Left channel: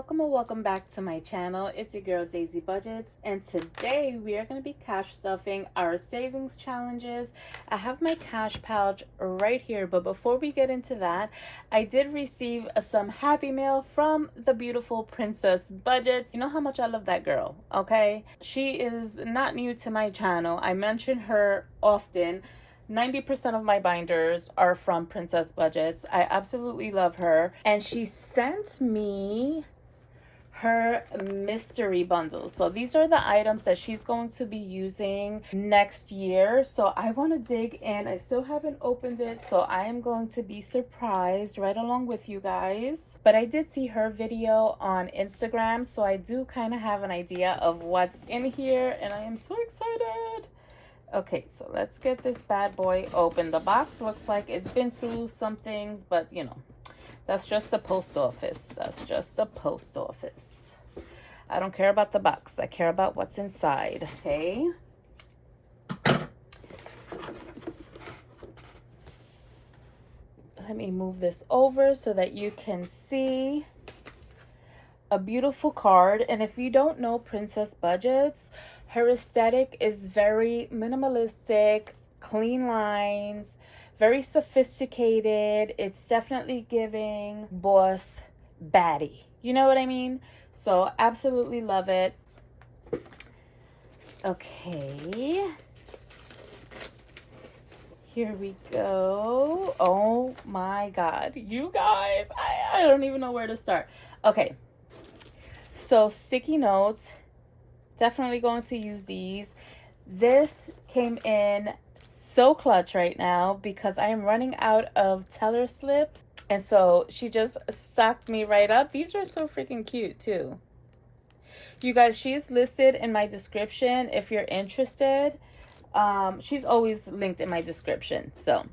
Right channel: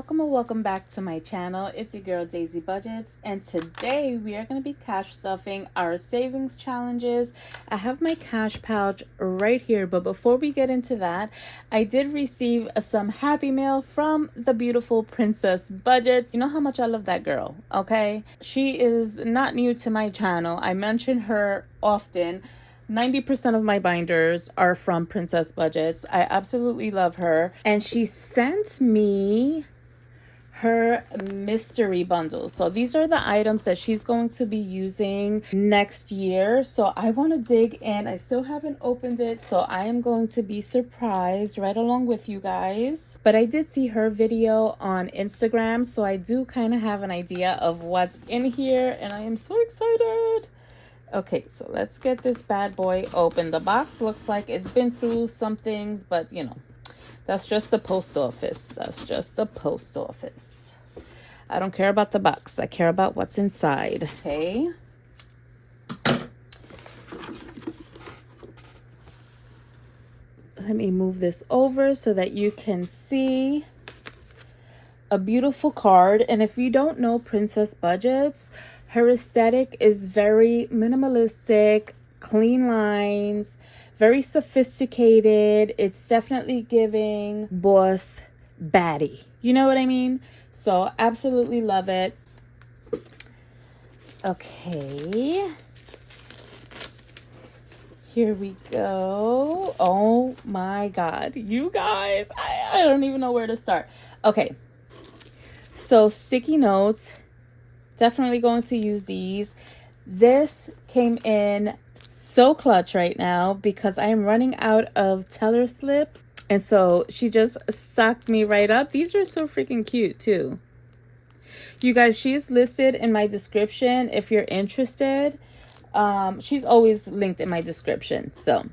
welcome or welcome back to my channel. It's your girl Daisy Budgets, and today we are going to be cash stuffing our savings challenges. I have my cash pouch right here, but before we get into that, I did receive some Happy Mail from the beautiful Princess Budgets. You know how much I love that girl, okay? She is not new to my channel. I mention her often. 90% of my binders are from Princess Budgets. I absolutely love her. And she sent me her mystery bundle. So these are the items that she's going to be using next year. So I want to dig in. I still haven't opened it, so I am going to be surprised right along with you guys. But I did see her video on Instagram, so I do kind of have an idea of what's in here, and I am so excited. Okay, so let's get this bad boy open. The box looks like it's been through some things, but you know, that's just the post office. That's just the post office. I don't care about the box. I care about what's inside. Okay. Let me move this over so that you can see a beautiful card. And if you don't know Princess Budgets, her aesthetic is very minimalistic, clean lines, very sophisticated. It's definitely giving boss baddie. You know what I mean? So absolutely love it. Okay. Here we go. Oh my God. You guys, I don't even know where to start. Okay. So sticky notes. Definitely going to use these. This came in so clutch right now because I am running out of teller slips, and so she just stocked me right up. These are so freaking cute too. You guys, she's listed in my description if you're interested. She's always linked in my description. So,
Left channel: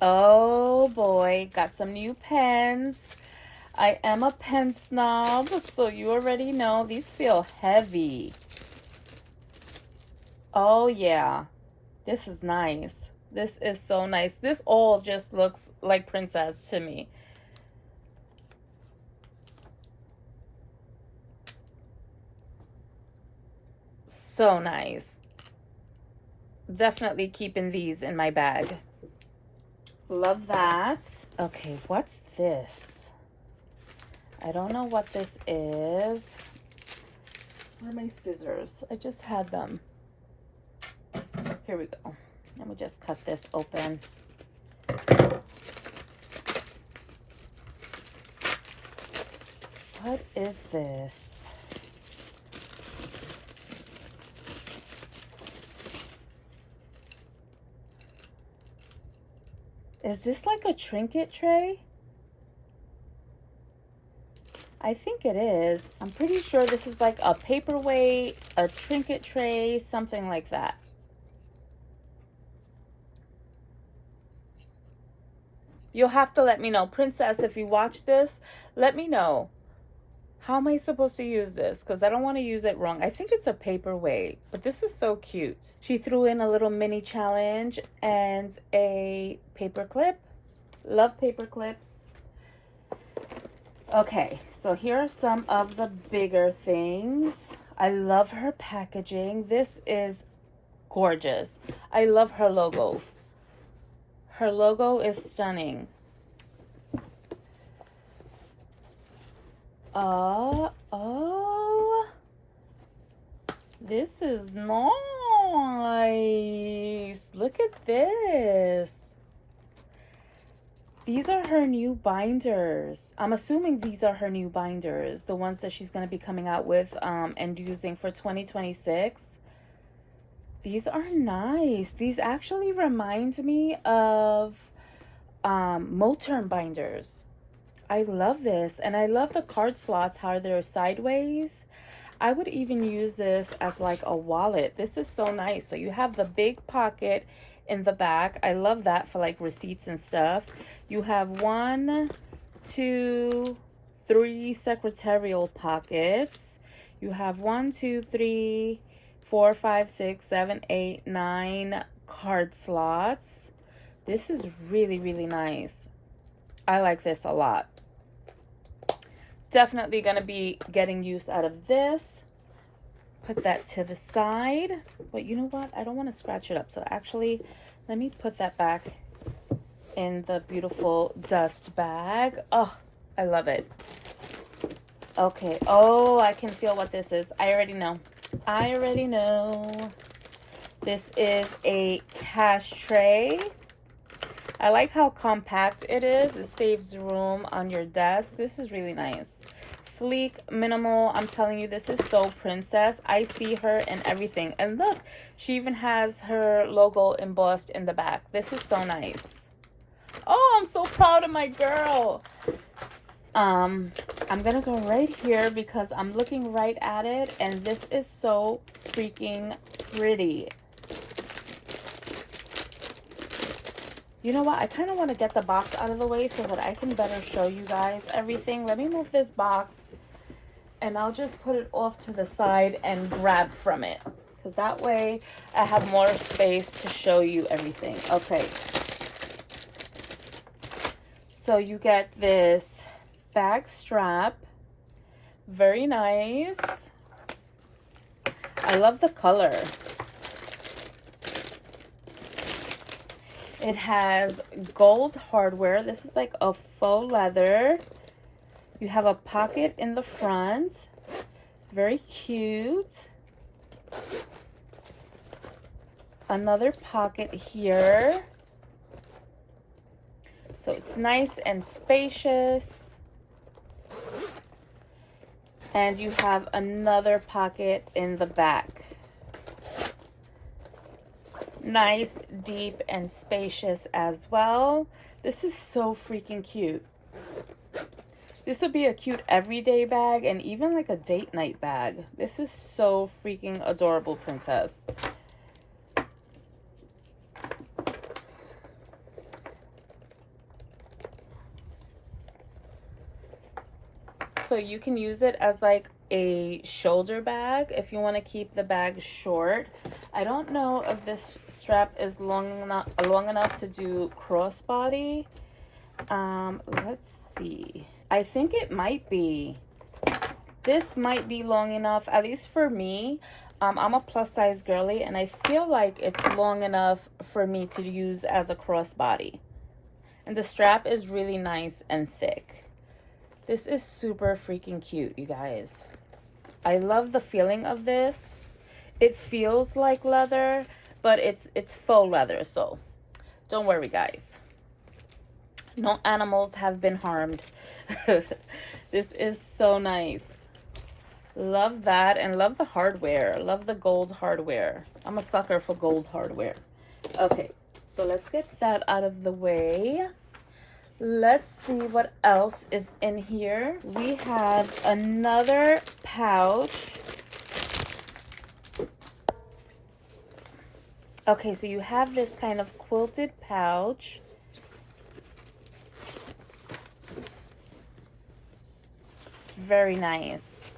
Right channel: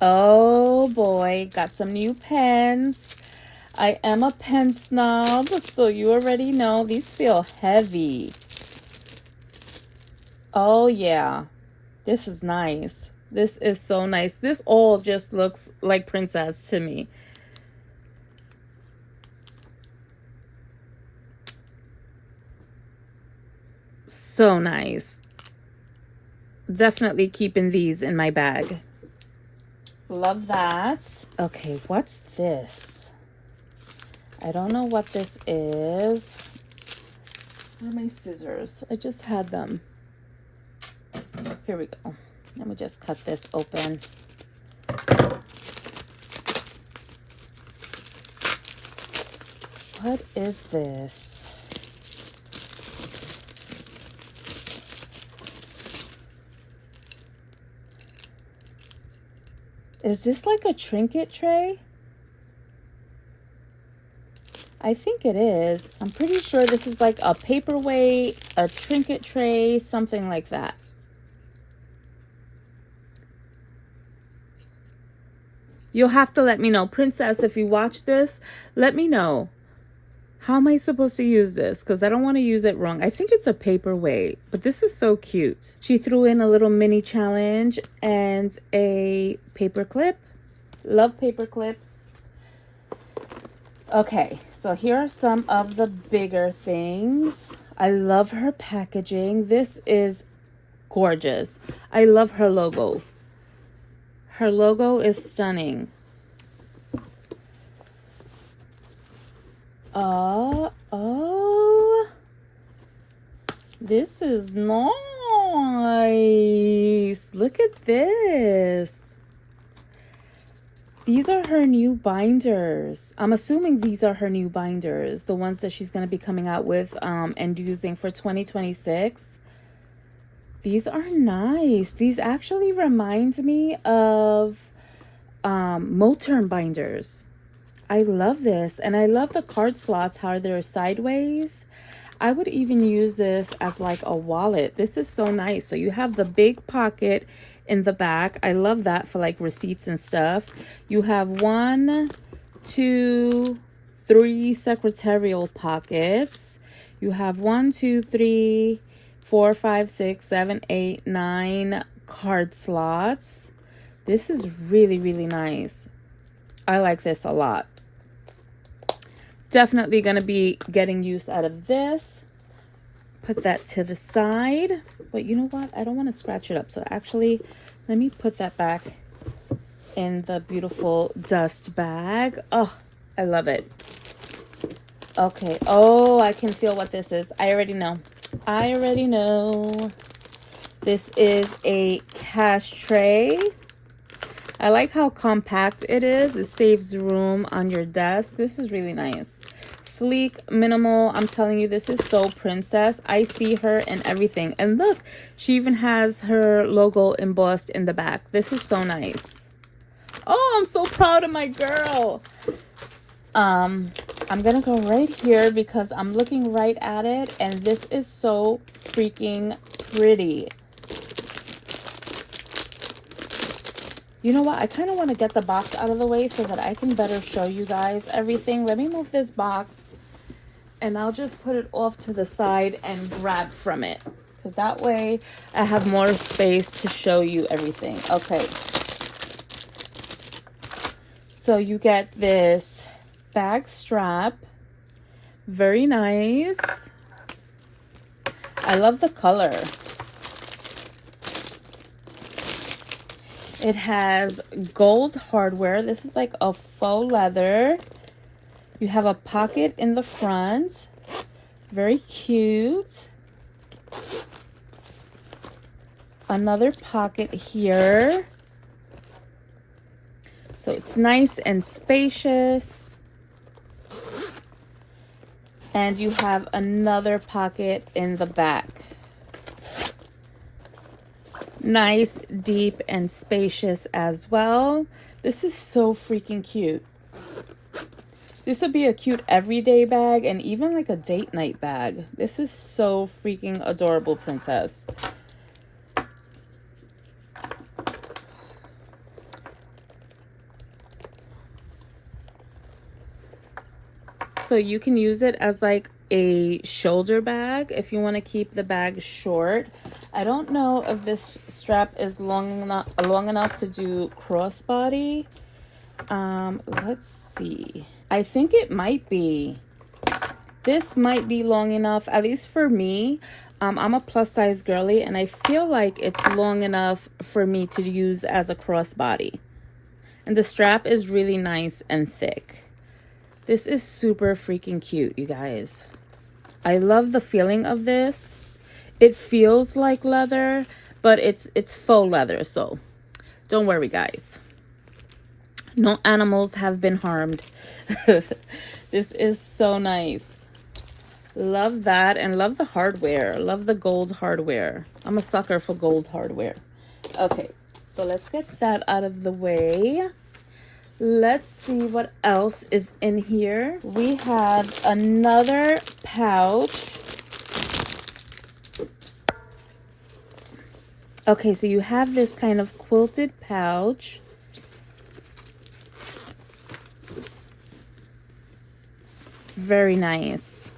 oh boy, got some new pens. I am a pen snob, so you already know these feel heavy. Oh yeah, this is nice. This is so nice. This all just looks like princess to me. So nice. Definitely keeping these in my bag. Love that. Okay, what's this? I don't know what this is. Where are my scissors? I just had them. Here we go. Let me just cut this open. What is this? Is this like a trinket tray? I think it is. I'm pretty sure this is like a paperweight, a trinket tray, something like that. You'll have to let me know. Princess, if you watch this, let me know. How am I supposed to use this? Because I don't want to use it wrong. I think it's a paperweight, but this is so cute. She threw in a little mini challenge and a paper clip. Love paper clips. Okay, so here are some of the bigger things. I love her packaging. This is gorgeous. I love her logo. Her logo is stunning. Oh, this is nice. Look at this. These are her new binders. I'm assuming these are her new binders, the ones that she's going to be coming out with and using for 2026. These are nice. These actually remind me of MOTERM binders. I love this, and I love the card slots, how they're sideways. I would even use this as like a wallet. This is so nice. So you have the big pocket in the back. I love that for like receipts and stuff. You have 1, 2, 3 secretarial pockets. You have 1, 2, 3, 4, 5, 6, 7, 8, 9 card slots. This is really, really nice. I like this a lot. Definitely going to be getting use out of this. Put that to the side. But you know what? I don't want to scratch it up. So actually, let me put that back in the beautiful dust bag. Oh, I love it. Okay. Oh, I can feel what this is. I already know. I already know. This is a cash tray. I like how compact it is. It saves room on your desk. This is really nice. Sleek, minimal. I'm telling you, this is so princess. I see her in everything. And look, she even has her logo embossed in the back. This is so nice. Oh, I'm so proud of my girl. I'm gonna go right here because I'm looking right at it, and this is so freaking pretty. You know what? I kind of want to get the box out of the way so that I can better show you guys everything. Let me move this box, and I'll just put it off to the side and grab from it, because that way I have more space to show you everything. Okay. So you get this bag strap. Very nice. I love the color. It has gold hardware. This is like a faux leather. You have a pocket in the front. Very cute. Another pocket here. So it's nice and spacious. And you have another pocket in the back. Nice, deep, and spacious as well. This is so freaking cute. This would be a cute everyday bag and even like a date night bag. This is so freaking adorable, princess. So you can use it as like a shoulder bag if you want to keep the bag short. I don't know if this strap is long enough to do crossbody. Let's see. I think it might be. This might be long enough, at least for me. I'm a plus size girly, and I feel like it's long enough for me to use as a crossbody. And the strap is really nice and thick. This is super freaking cute, you guys. I love the feeling of this. It feels like leather, but it's faux leather, so don't worry, guys. No animals have been harmed. This is so nice. Love that, and love the hardware. Love the gold hardware. I'm a sucker for gold hardware. Okay, so let's get that out of the way. Let's see what else is in here. We have another pouch. Okay, so you have this kind of quilted pouch. Very nice.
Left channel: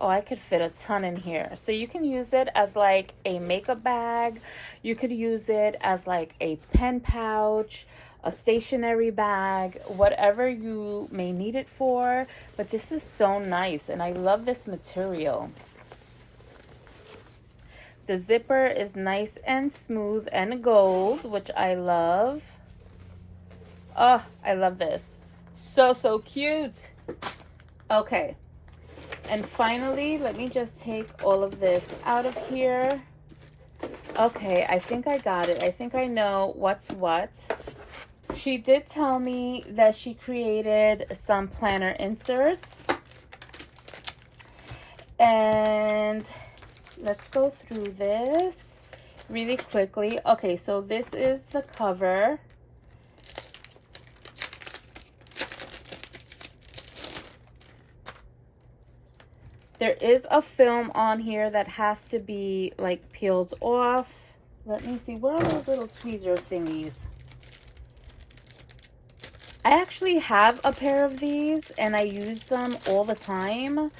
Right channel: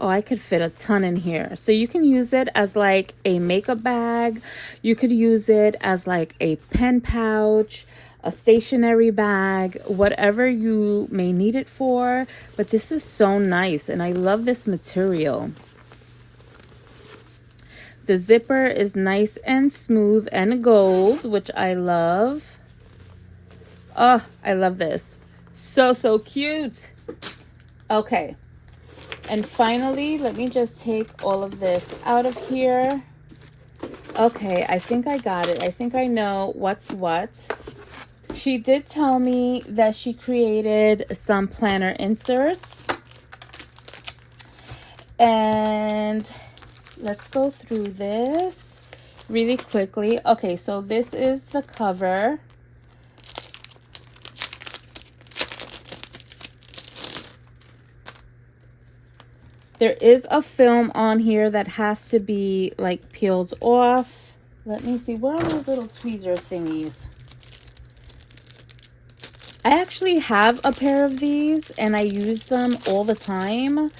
Oh, I could fit a ton in here. So you can use it as like a makeup bag. You could use it as like a pen pouch, a stationery bag, whatever you may need it for. But this is so nice, and I love this material. The zipper is nice and smooth and gold, which I love. Oh, I love this. So cute. Okay. And finally, let me just take all of this out of here. Okay, I think I got it. I think I know what's what. She did tell me that she created some planner inserts. And let's go through this really quickly. Okay, so this is the cover. There is a film on here that has to be like peeled off. Let me see, where are those little tweezer thingies? I actually have a pair of these, and I use them all the time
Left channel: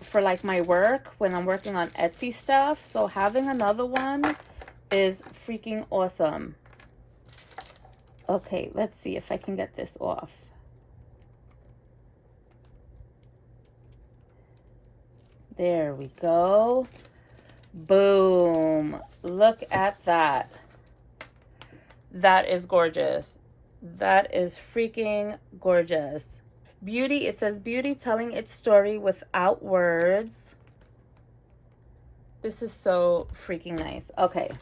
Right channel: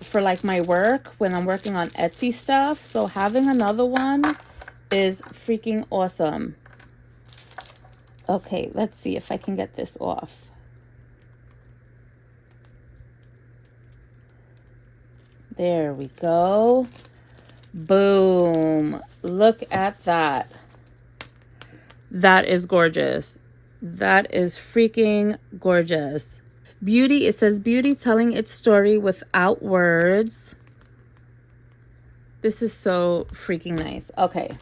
for like my work when I'm working on Etsy stuff. So having another one is freaking awesome. Okay, let's see if I can get this off. There we go. Boom. Look at that. That is gorgeous. That is freaking gorgeous. Beauty, it says beauty telling its story without words. This is so freaking nice. Okay,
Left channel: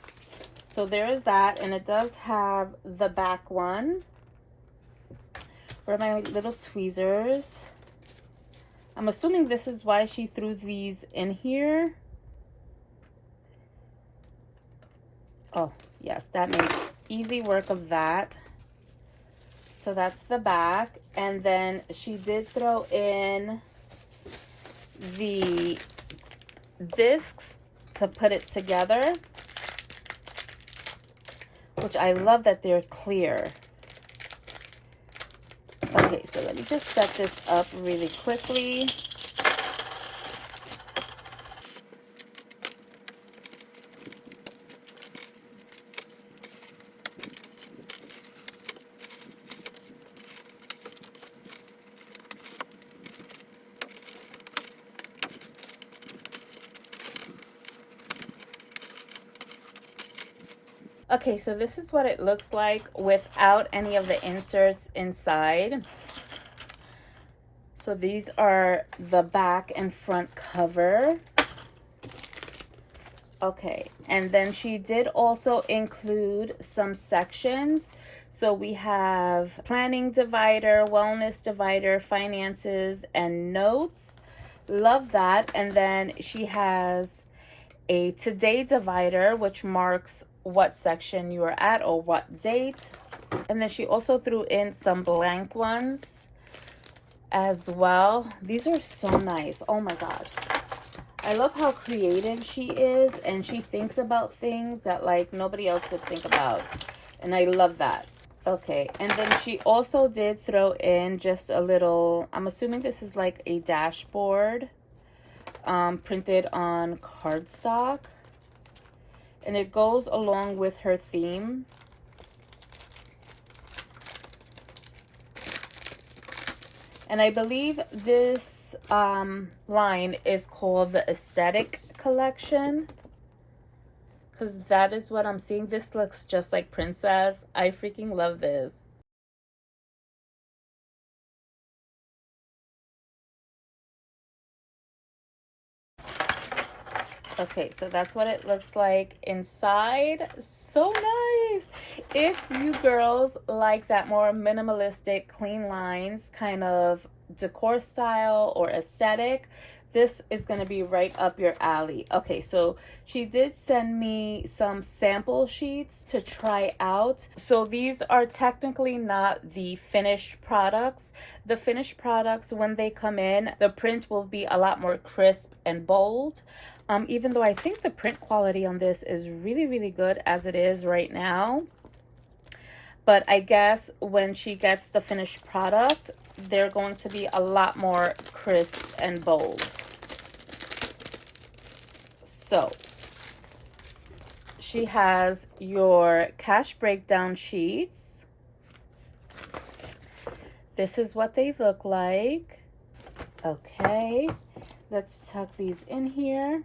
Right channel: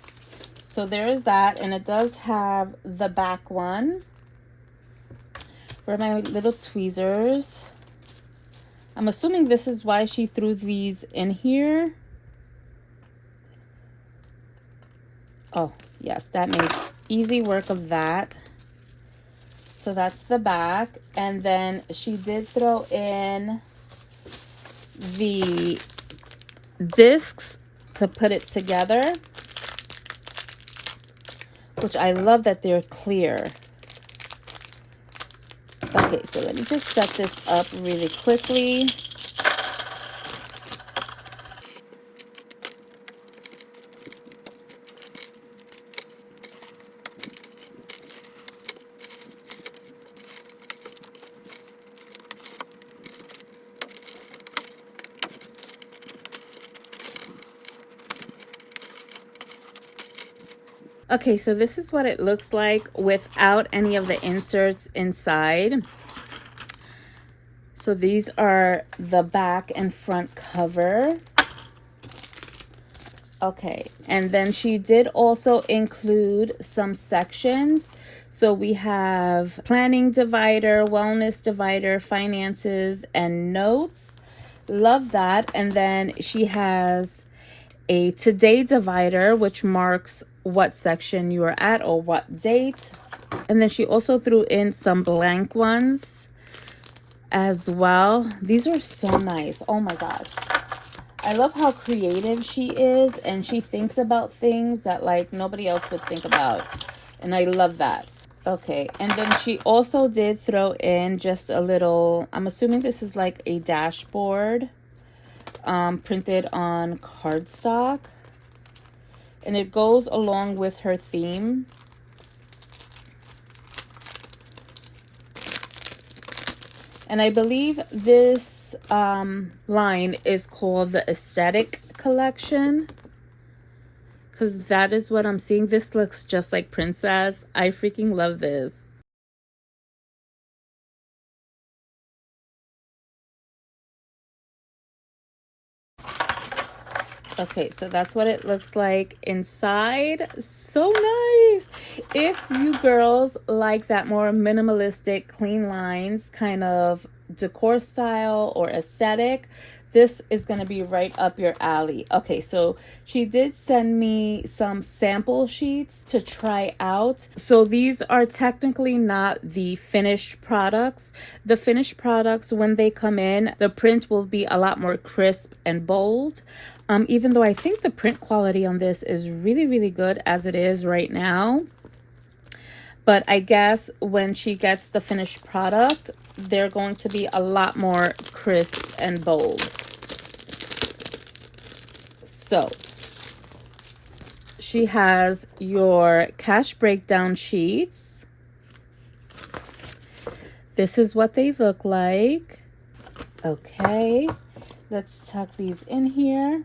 so there is that, and it does have the back one. Where are my little tweezers? I'm assuming this is why she threw these in here. Oh, yes, that makes easy work of that. So that's the back. And then she did throw in the discs to put it together, which I love that they're clear. Okay, so let me just set this up really quickly. Okay, so this is what it looks like without any of the inserts inside. So these are the back and front cover. Okay, and then she did also include some sections. So we have planning divider, wellness divider, finances, and notes. Love that. And then she has a today divider, which marks what section you are at or what date. And then she also threw in some blank ones as well. These are so nice. Oh my god, I love how creative she is, and she thinks about things that like nobody else would think about, and I love that. Okay, and then she also did throw in just a little, I'm assuming this is like a dashboard, printed on cardstock. And it goes along with her theme. And I believe this line is called the Aesthetic Collection, because that is what I'm seeing. This looks just like Princess. I freaking love this. Okay, so that's what it looks like inside. So nice. If you girls like that more minimalistic, clean lines kind of decor style or aesthetic, this is going to be right up your alley. Okay, so she did send me some sample sheets to try out. So these are technically not the finished products. The finished products, when they come in, the print will be a lot more crisp and bold. Even though I think the print quality on this is really, really good as it is right now. But I guess when she gets the finished product, they're going to be a lot more crisp and bold. So she has your cash breakdown sheets. This is what they look like. Okay, let's tuck these in here.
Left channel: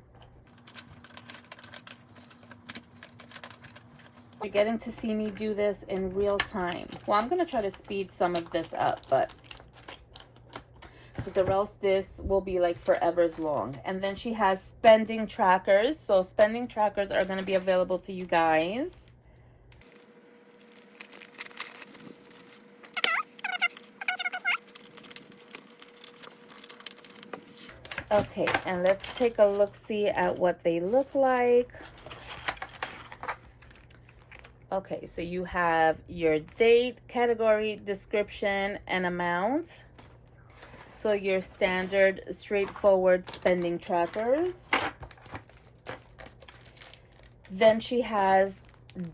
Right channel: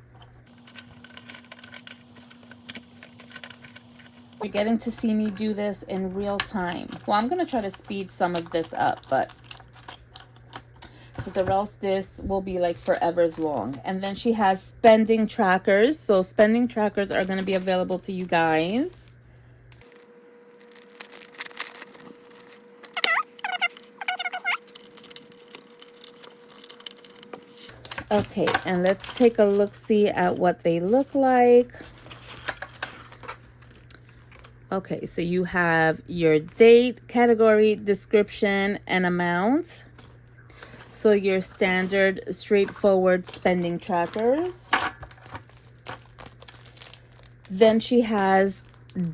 You're getting to see me do this in real time. Well, I'm going to try to speed some of this up, but because or else this will be like forever's long. And then she has spending trackers. So spending trackers are going to be available to you guys. Okay, and let's take a look-see at what they look like. Okay, so you have your date, category, description, and amount. So your standard, straightforward spending trackers. Then she has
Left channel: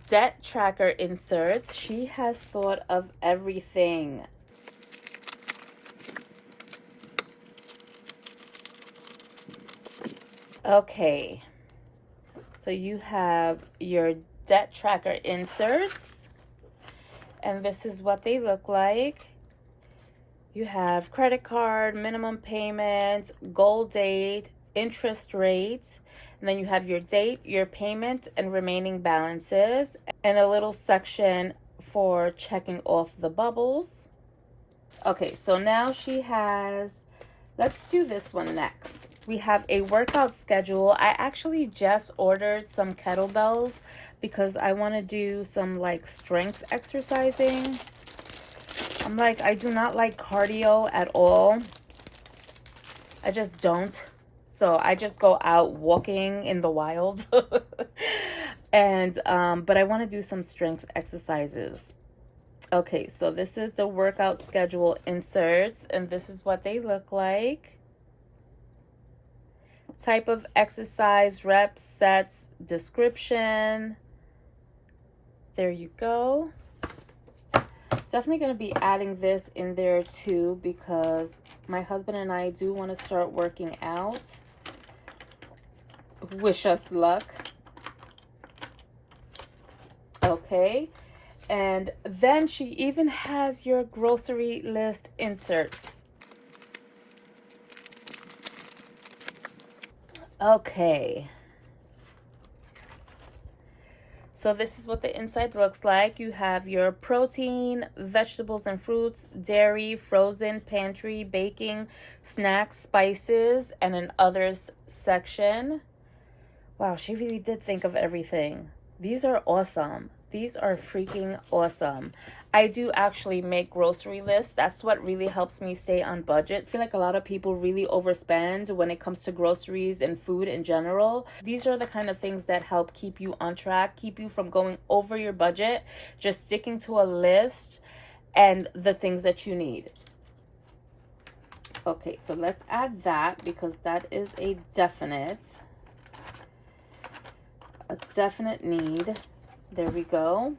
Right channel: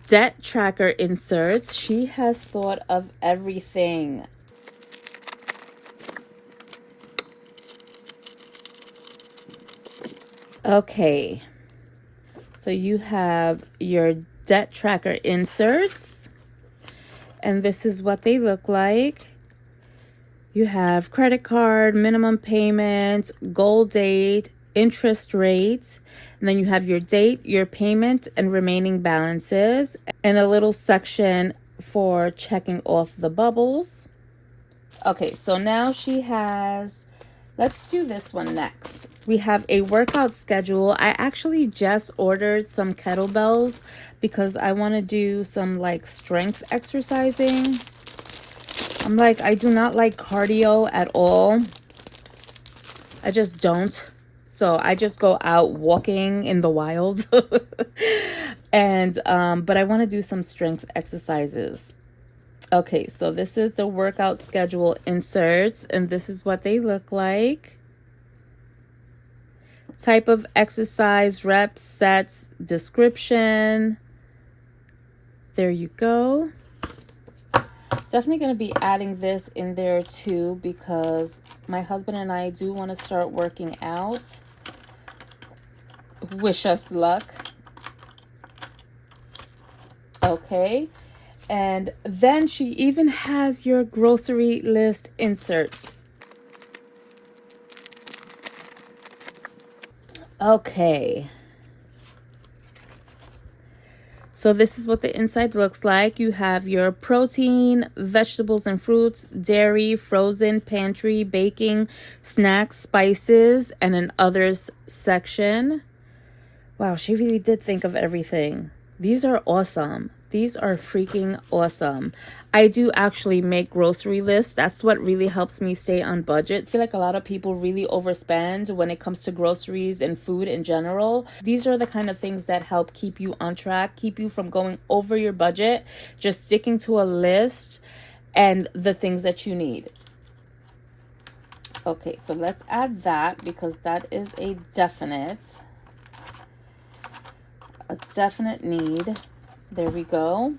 debt tracker inserts. She has thought of everything. Okay, so you have your debt tracker inserts, and this is what they look like. You have credit card, minimum payment, goal date, interest rate, and then you have your date, your payment, and remaining balances, and a little section for checking off the bubbles. Okay, so now she has, let's do this one next. We have a workout schedule. I actually just ordered some kettlebells because I want to do some like strength exercising. I'm like, I do not like cardio at all. I just don't. So I just go out walking in the wild. And but I want to do some strength exercises. Okay, so this is the workout schedule inserts, and this is what they look like. Type of exercise, reps, sets, description. There you go. Definitely going to be adding this in there too, because my husband and I do want to start working out. Wish us luck. Okay. And then she even has your grocery list inserts. Okay. So this is what the inside looks like. You have your protein, vegetables and fruits, dairy, frozen, pantry, baking, snacks, spices, and an others section. Wow, she really did think of everything. These are awesome. These are freaking awesome. I do actually make grocery lists. That's what really helps me stay on budget. I feel like a lot of people really overspend when it comes to groceries and food in general. These are the kind of things that help keep you on track, keep you from going over your budget, just sticking to a list and the things that you need. Okay, so let's add that because that is a definite need. There we go.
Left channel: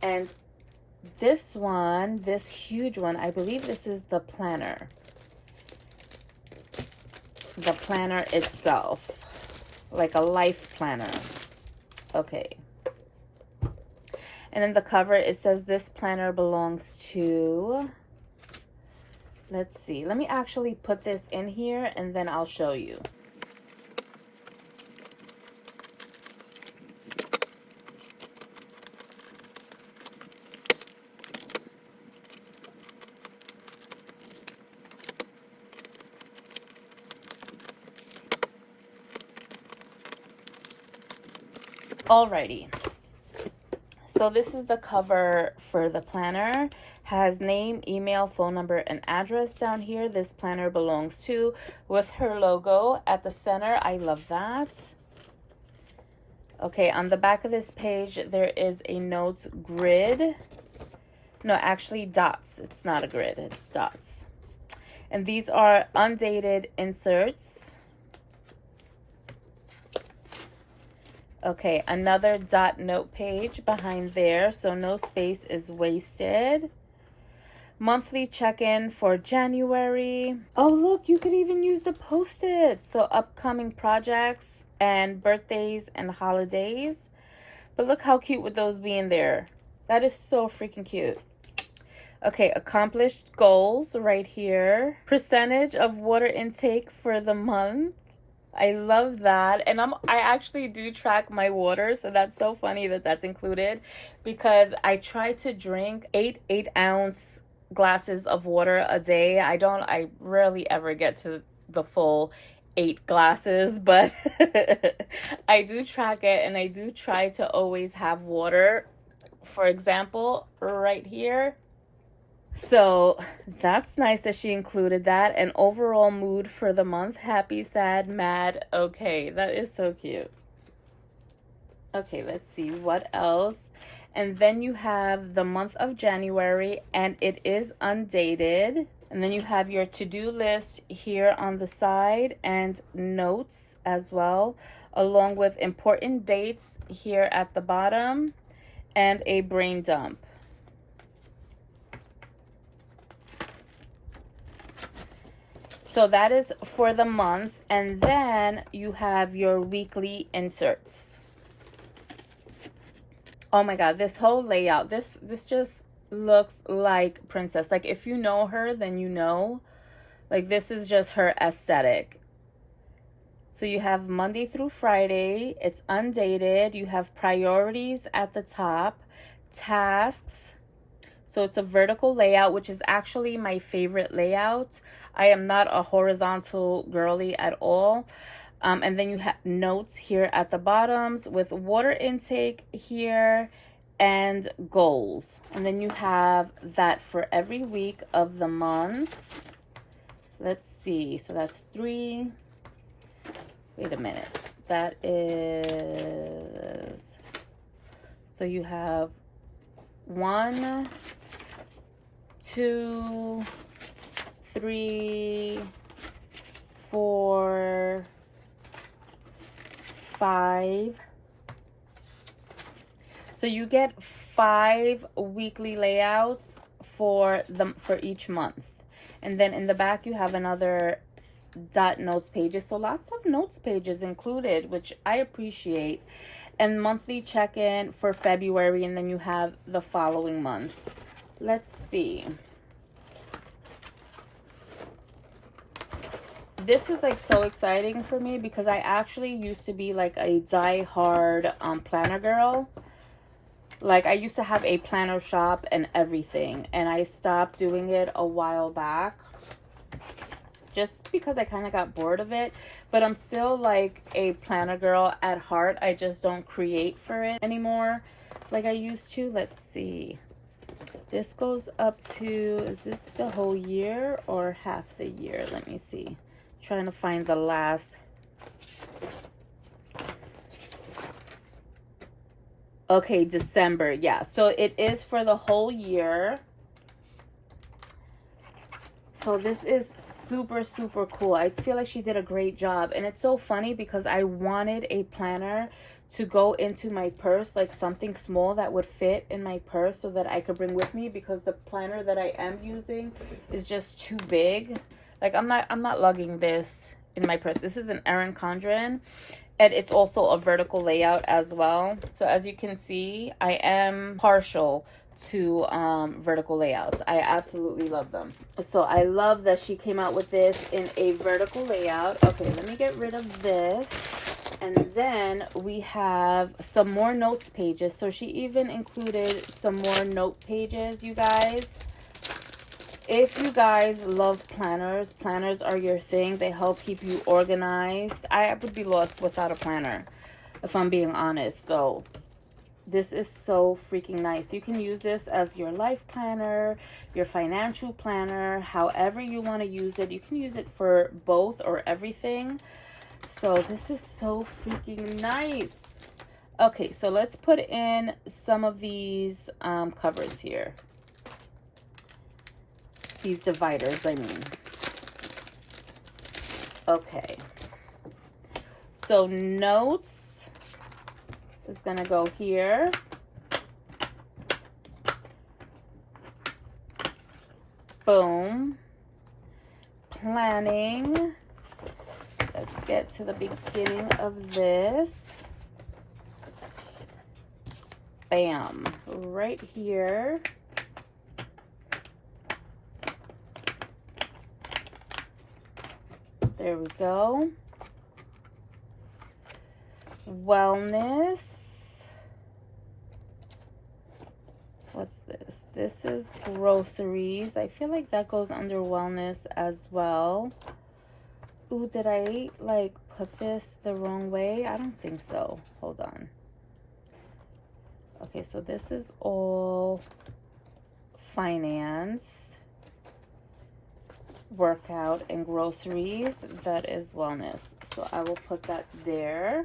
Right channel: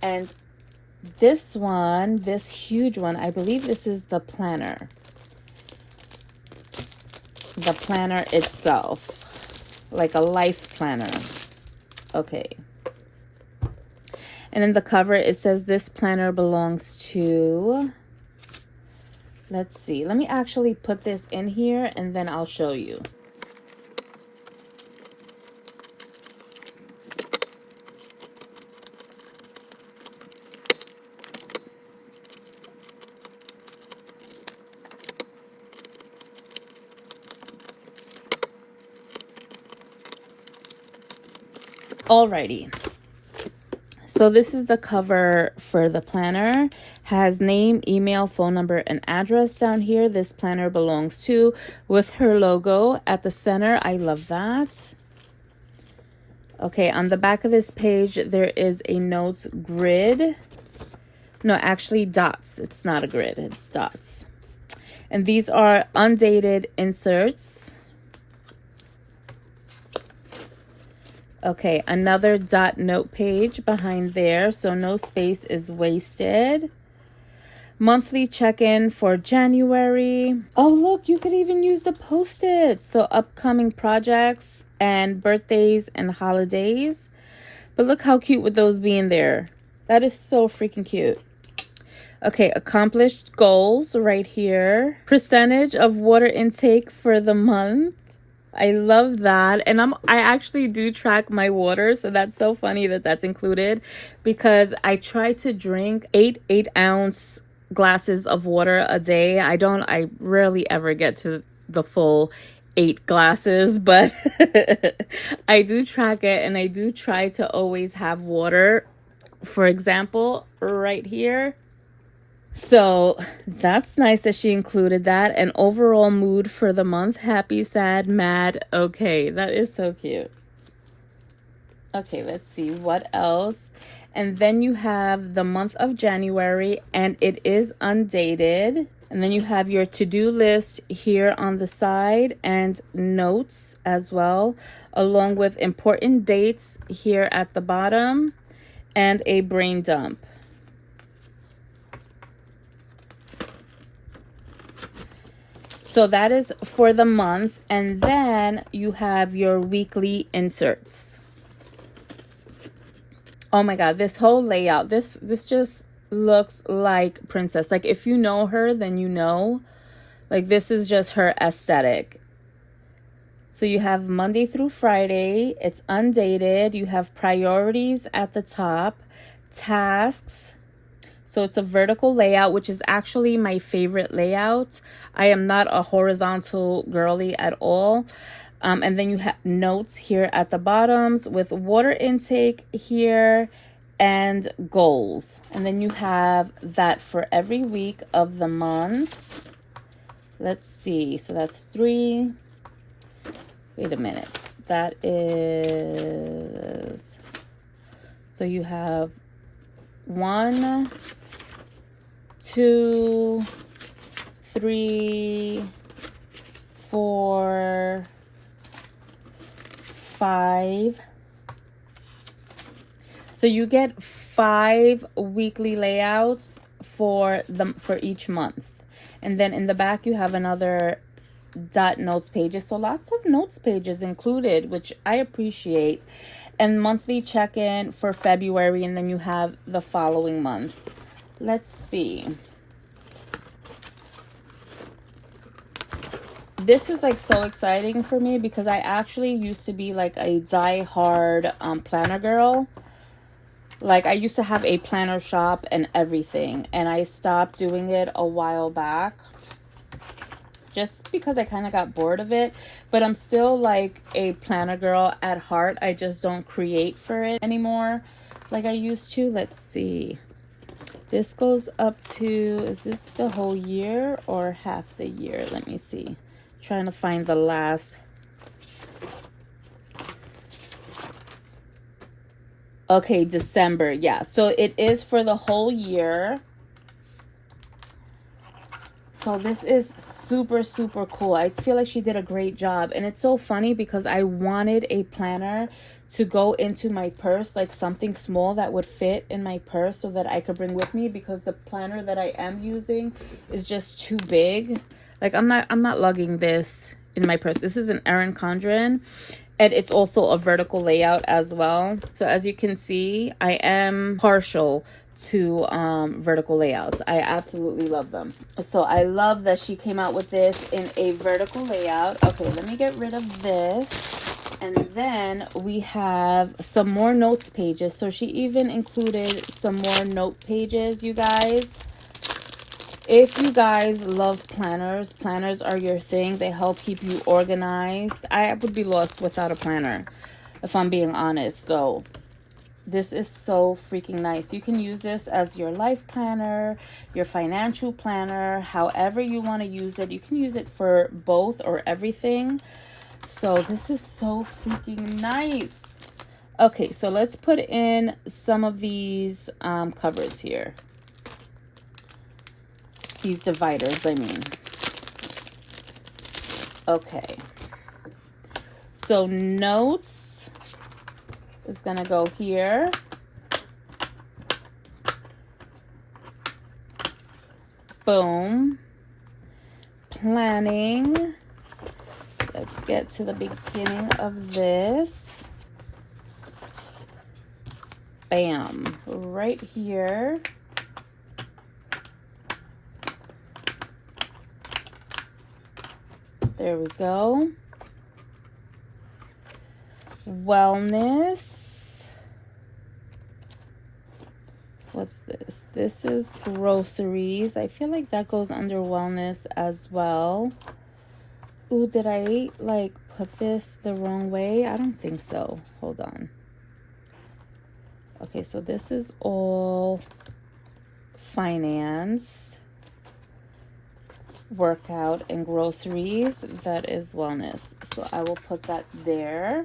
And this one, this huge one, I believe this is the planner. The planner itself, like a life planner. Okay. And in the cover, it says this planner belongs to, let's see. Let me actually put this in here and then I'll show you. Alrighty. So this is the cover for the planner. Has name, email, phone number, and address down here. This planner belongs to, with her logo at the center. I love that. Okay, on the back of this page, there is a notes grid. No, actually dots. It's not a grid, it's dots. And these are undated inserts. Okay, another dot note page behind there, so no space is wasted. Monthly check-in for January. Oh, look, you could even use the Post-its. So upcoming projects and birthdays and holidays. But look how cute would those be in there. That is so freaking cute. Okay, accomplished goals right here. Percentage of water intake for the month. I love that. And I actually do track my water, so that's so funny that that's included, because I try to drink 8-ounce glasses of water a day. I rarely ever get to the full 8 glasses, but I do track it, and I do try to always have water, for example, right here. So that's nice that she included that. And overall mood for the month: happy, sad, mad. Okay, that is so cute. Okay, let's see what else. And then you have the month of January, and it is undated. And then you have your to-do list here on the side and notes as well, along with important dates here at the bottom and a brain dump. So that is for the month. And then you have your weekly inserts. Oh my God, this whole layout, this just looks like Princess. Like, if you know her, then you know. Like, this is just her aesthetic. So you have Monday through Friday. It's undated. You have priorities at the top, tasks. So it's a vertical layout, which is actually my favorite layout. I am not a horizontal girly at all. And then you have notes here at the bottoms with water intake here and goals. And then you have that for every week of the month. Let's see. So that's 3. Wait a minute. That is... So you have 1, 2, 3, 4, 5. So you get 5 weekly layouts for each month. And then in the back you have another dot notes pages. So lots of notes pages included, which I appreciate. And monthly check-in for February, and then you have the following month. Let's see. This is like so exciting for me because I actually used to be like a die-hard planner girl. Like I used to have a planner shop and everything, and I stopped doing it a while back just because I kind of got bored of it. But I'm still like a planner girl at heart. I just don't create for it anymore like I used to. Let's see. This goes up to, is this the whole year or half the year? Let me see. Trying to find the last. Okay, December. Yeah, so it is for the whole year. So this is super, super cool. I feel like she did a great job. And it's so funny because I wanted a planner to go into my purse, like something small that would fit in my purse so that I could bring with me, because the planner that I am using is just too big. Like I'm not lugging this in my purse. This is an Erin Condren, and it's also a vertical layout as well. So as you can see, I am partial to vertical layouts. I absolutely love them. So I love that she came out with this in a vertical layout. Okay, let me get rid of this. And then we have some more notes pages. So she even included some more note pages, you guys. If you guys love planners, planners are your thing. They help keep you organized. I would be lost without a planner, if I'm being honest. So this is so freaking nice. You can use this as your life planner, your financial planner, however you want to use it. You can use it for both or everything. So this is so freaking nice. Okay, so let's put in some of these covers here. These dividers, I mean. Okay. So notes is going to go here. Boom. Planning. Let's get to the beginning of this. Bam. Right here. There we go. Wellness. What's this? This is groceries. I feel like that goes under wellness as well. Ooh, did I like put this the wrong way? I don't think so. Hold on. Okay, so this is all finance. Workout and groceries. That is wellness. So I will put that there.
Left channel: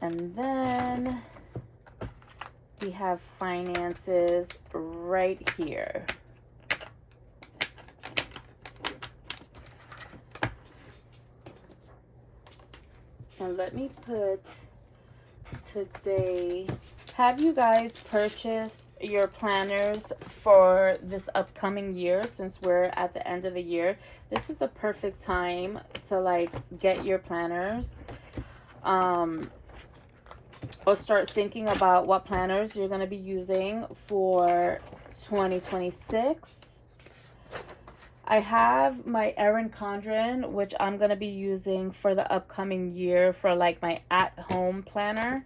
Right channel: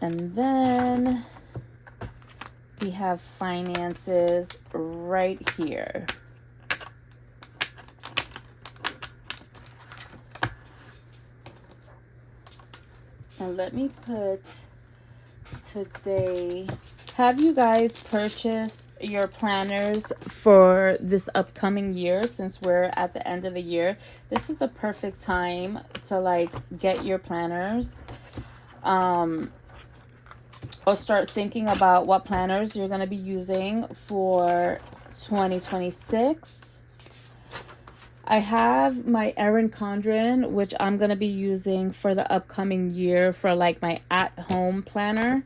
And then we have finances right here. And let me put today. Have you guys purchased your planners for this upcoming year? Since we're at the end of the year, this is a perfect time to like get your planners. or start thinking about what planners you're going to be using for 2026. I have my Erin Condren, which I'm going to be using for the upcoming year for like my at-home planner.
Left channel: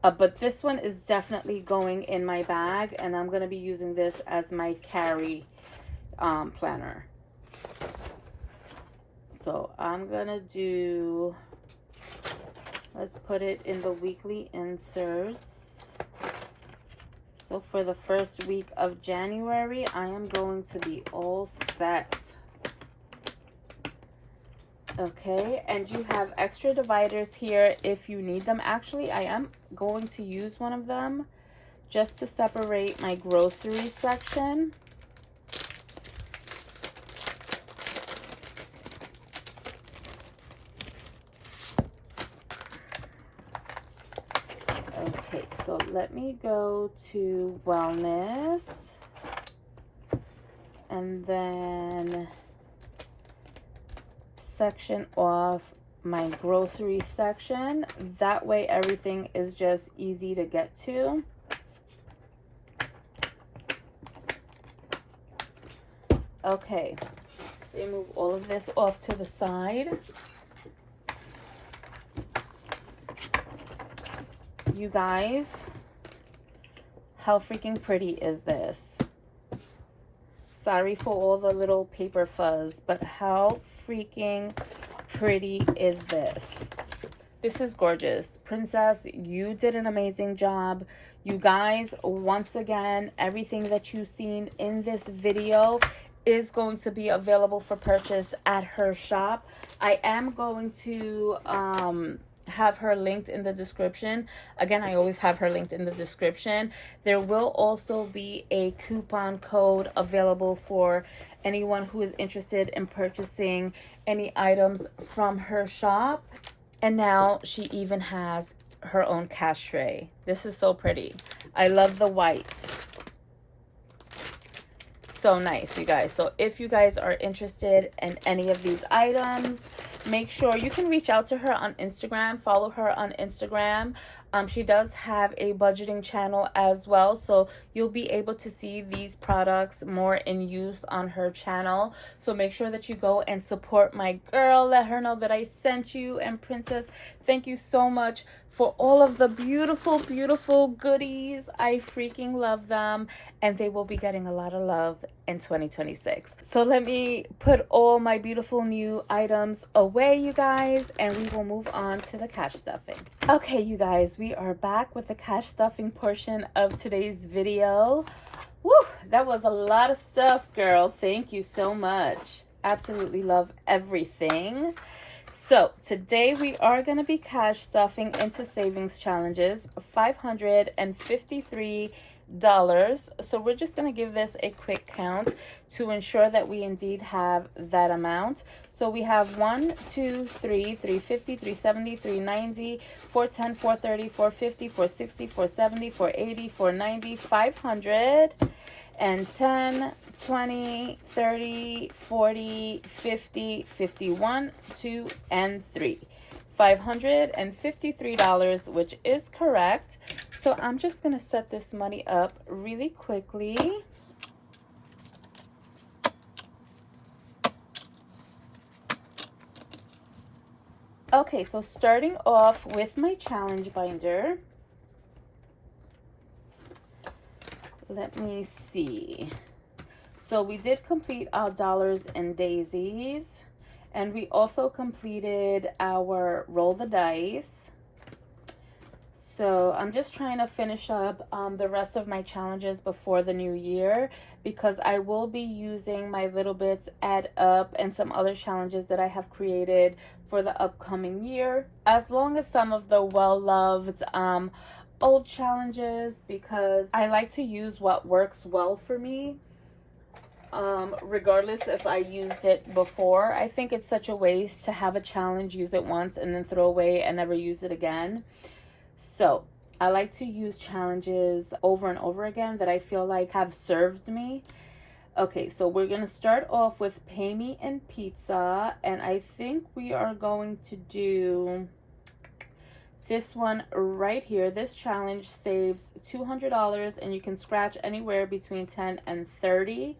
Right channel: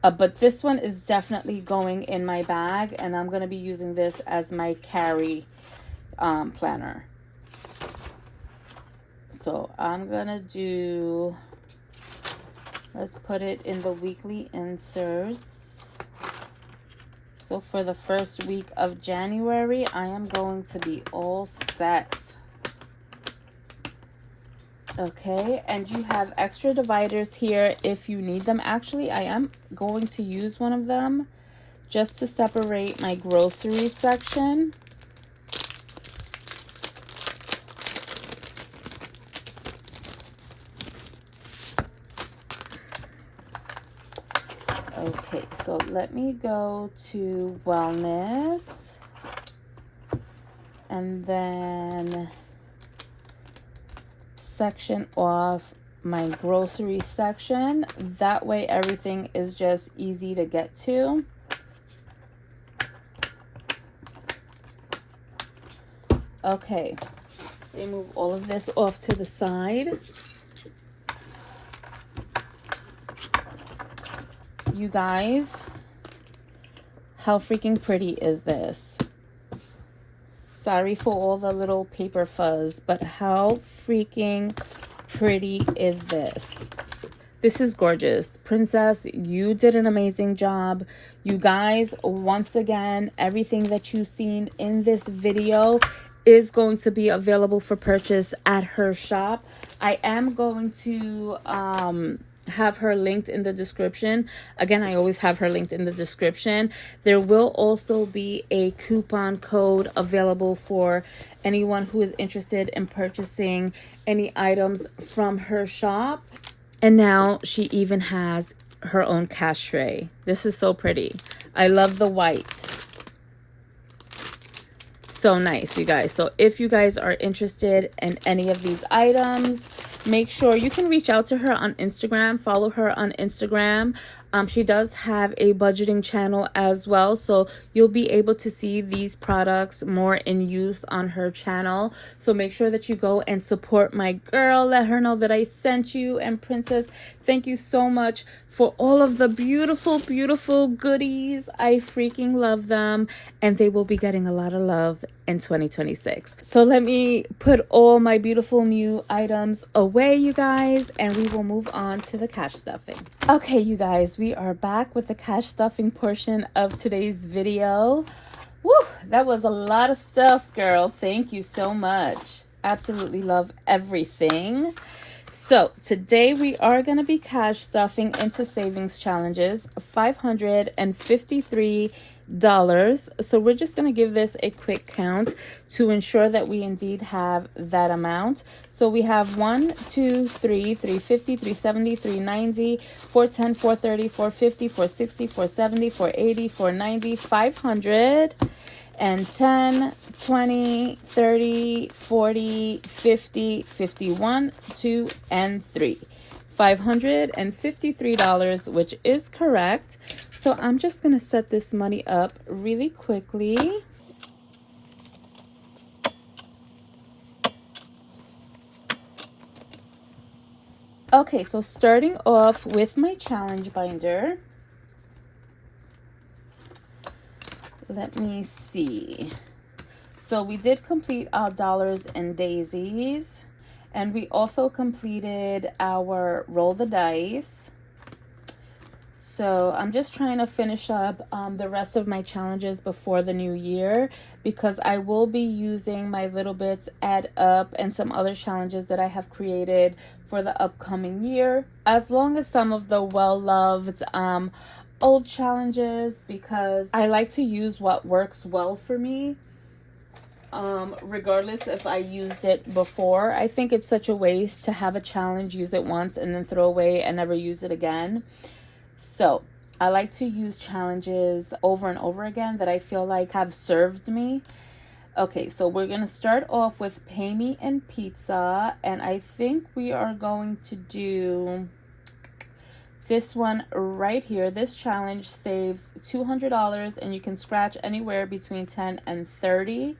But this one is definitely going in my bag, and I'm going to be using this as my carry planner. So I'm going to do, let's put it in the weekly inserts. So for the first week of January, I am going to be all set. Okay, and you have extra dividers here if you need them. Actually, I am going to use one of them just to separate my grocery section. Okay, so let me go to wellness, and then section off my grocery section. That way everything is just easy to get to. Okay, remove all of this off to the side. You guys, how freaking pretty is this? Sorry for all the little paper fuzz, but how freaking pretty is this? This is gorgeous. Princess, you did an amazing job. You guys, once again, everything that you've seen in this video is going to be available for purchase at her shop. I am going to have her linked in the description. Again, I always have her linked in the description. There will also be a coupon code available for anyone who is interested in purchasing any items from her shop. And now she even has her own cash tray. This is so pretty. I love the white. So nice, you guys. So if you guys are interested in any of these items, make sure you can reach out to her on Instagram. Follow her on Instagram. She does have a budgeting channel as well, so you'll be able to see these products more in use on her channel. So make sure that you go and support my girl. Let her know that I sent you. And Princess, thank you so much for all of the beautiful, beautiful goodies. I freaking love them, and they will be getting a lot of love in 2026. So let me put all my beautiful new items away, you guys, and we will move on to the cash stuffing. Okay, you guys, we are back with the cash stuffing portion of today's video. Woo, that was a lot of stuff, girl. Thank you so much. Absolutely love everything. So today we are going to be cash stuffing into savings challenges, $553. So we're just going to give this a quick count to ensure that we indeed have that amount. So we have 1, 2, 3, 350, 370, 390, 410, 430, 450, 460, 470, 480, 490, 500. And 10, 20, 30, 40, 50, 51, 2, and 3. $553, which is correct. So I'm just going to set this money up really quickly. Okay, so starting off with my challenge binder. Let me see. So we did complete our dollars and daisies, and we also completed our roll the dice. So I'm just trying to finish up the rest of my challenges before the new year, because I will be using my little bits add up and some other challenges that I have created for the upcoming year, as long as some of the well-loved old challenges, because I like to use what works well for me, regardless if I used it before. I think it's such a waste to have a challenge, use it once, and then throw away and never use it again. So I like to use challenges over and over again that I feel like have served me. Okay, so we're gonna start off with Pay Me in Pizza, and I think we are going to do This one right here, this challenge saves $200 and you can scratch anywhere between 10 and 30.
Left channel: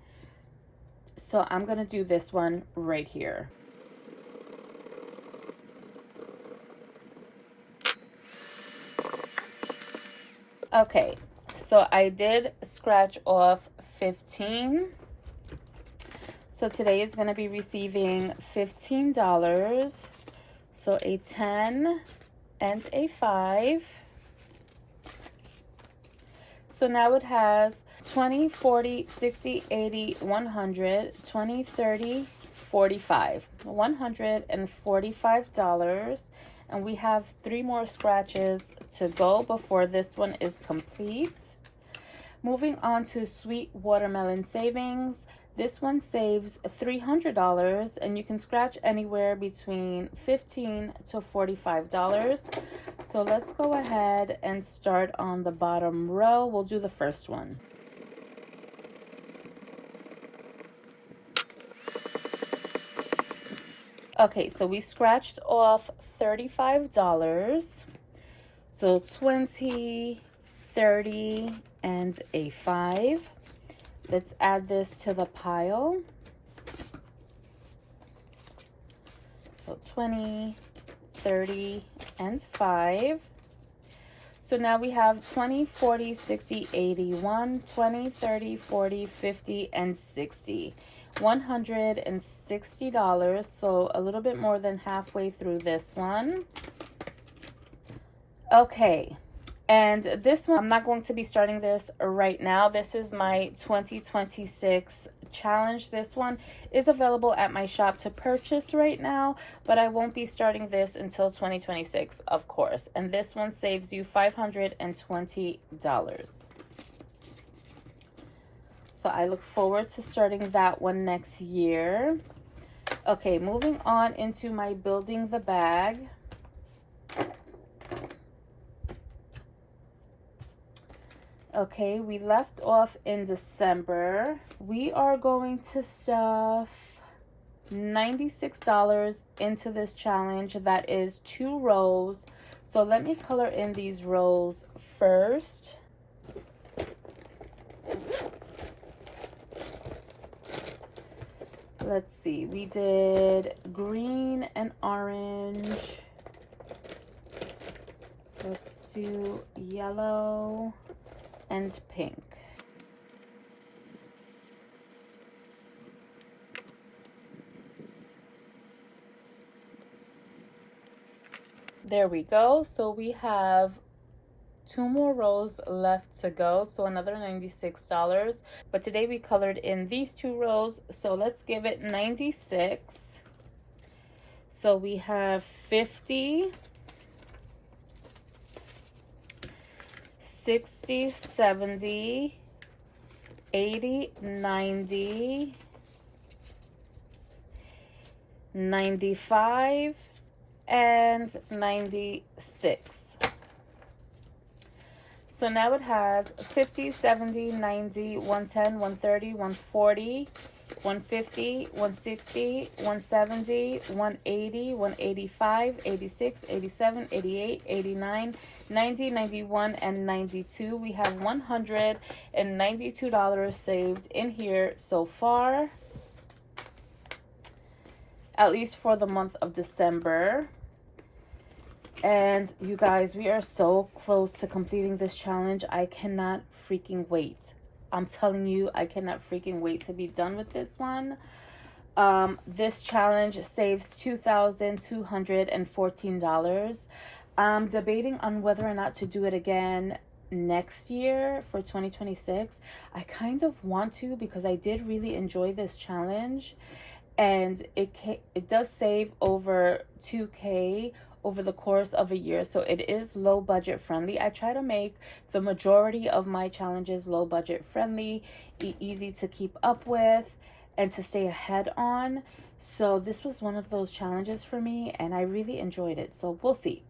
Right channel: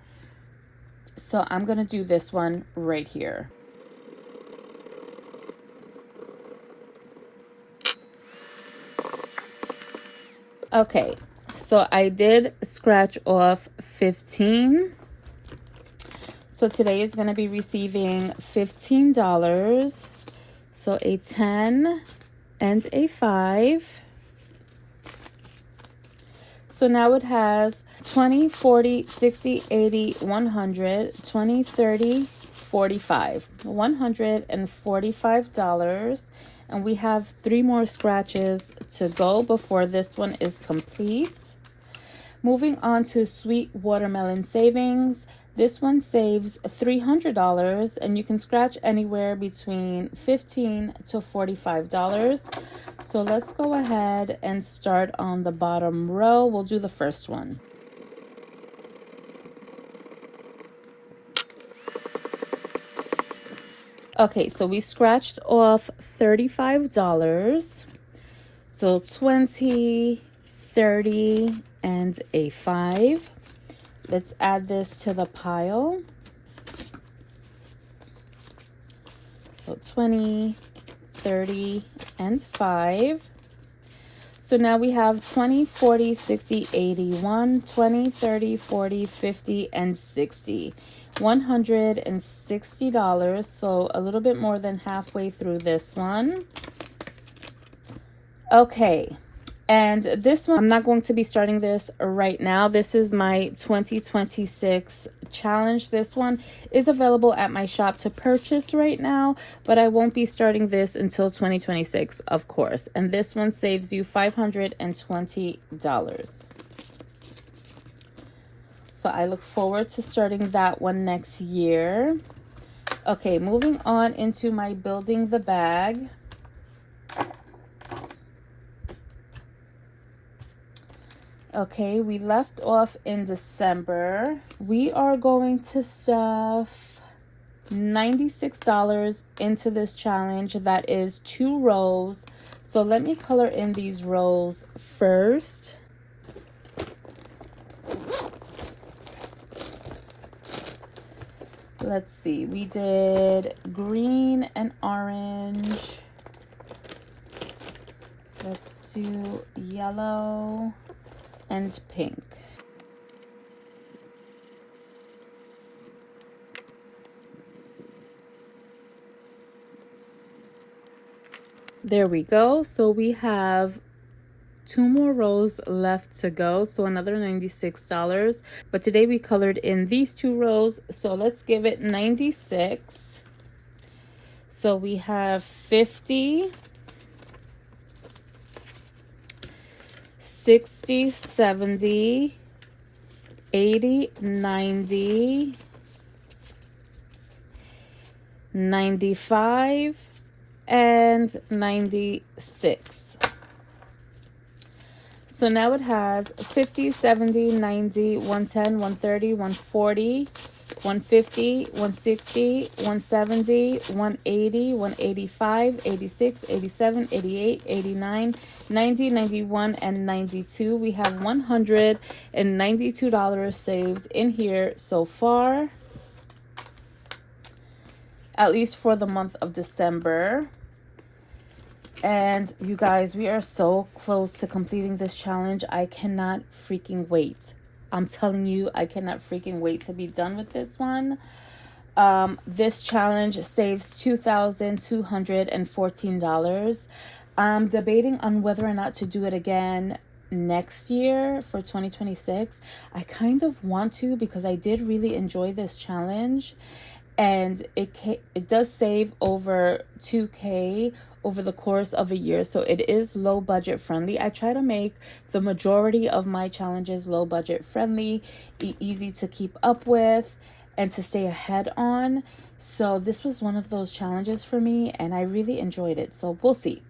So I'm going to do this one right here. Okay, so I did scratch off 15. So today is going to be receiving $15. So a 10 and a 5. So now it has 20, 40, 60, 80, 100, 20, 30, 45. $145. And we have 3 more scratches to go before this one is complete. Moving on to Sweet Watermelon Savings. This one saves $300 and you can scratch anywhere between $15 to $45. So let's go ahead and start on the bottom row. We'll do the first one. Okay, so we scratched off $35. So 20, 30, and a 5. Let's add this to the pile. So 20, 30, and 5. So now we have 20, 40, 60, 81, 20, 30, 40, 50, and 60. $160. So a little bit more than halfway through this one. Okay. And this one, I'm not going to be starting this right now. This is my 2026 challenge. This one is available at my shop to purchase right now, but I won't be starting this until 2026, of course. And this one saves you $520. So I look forward to starting that one next year. Okay, moving on into my building the bag. Okay, we left off in December. We are going to stuff $96 into this challenge. That is 2 rows. So let me color in these rows first. Let's see, we did green and orange. Let's do yellow and pink. There we go. So we have 2 more rows left to go, so another $96. But today we colored in these 2 rows, so let's give it 96. So we have 50, 60, 70, 80, 90, 95, and 96. So now it has 50, 70, 90, 110, 130, 140, 150, 160, 170, 180, 185, 86, 87, 88, 89, 90, 91, and 92. We have $192 saved in here so far, at least for the month of December. And you guys, we are so close to completing this challenge. I cannot freaking wait. I'm telling you, I cannot freaking wait to be done with this one. This challenge saves $2,214. I'm debating on whether or not to do it again next year for 2026. I kind of want to because I did really enjoy this challenge. And it does save over $2K over the course of a year, so it is low budget friendly. I try to make the majority of my challenges low budget friendly, easy to keep up with, and to stay ahead on. So this was one of those challenges for me, and I really enjoyed it. So we'll see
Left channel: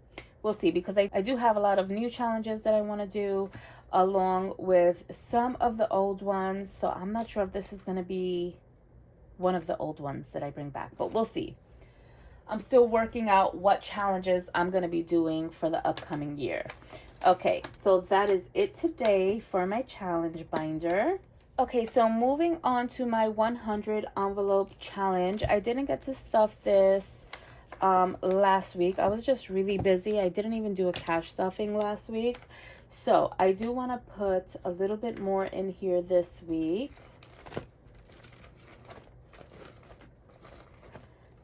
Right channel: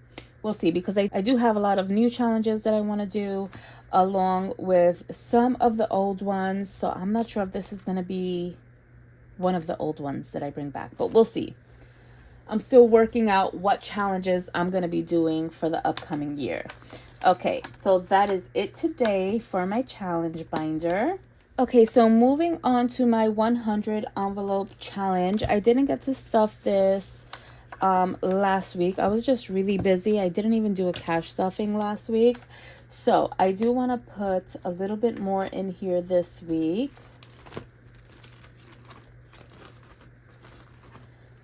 because I do have a lot of new challenges that I want to do along with some of the old ones. So I'm not sure if this is going to be one of the old ones that I bring back, but we'll see. I'm still working out what challenges I'm going to be doing for the upcoming year. Okay, so that is it today for my challenge binder. Okay, so moving on to my 100 envelope challenge. I didn't get to stuff this last week. I was just really busy. I didn't even do a cash stuffing last week. So I do want to put a little bit more in here this week.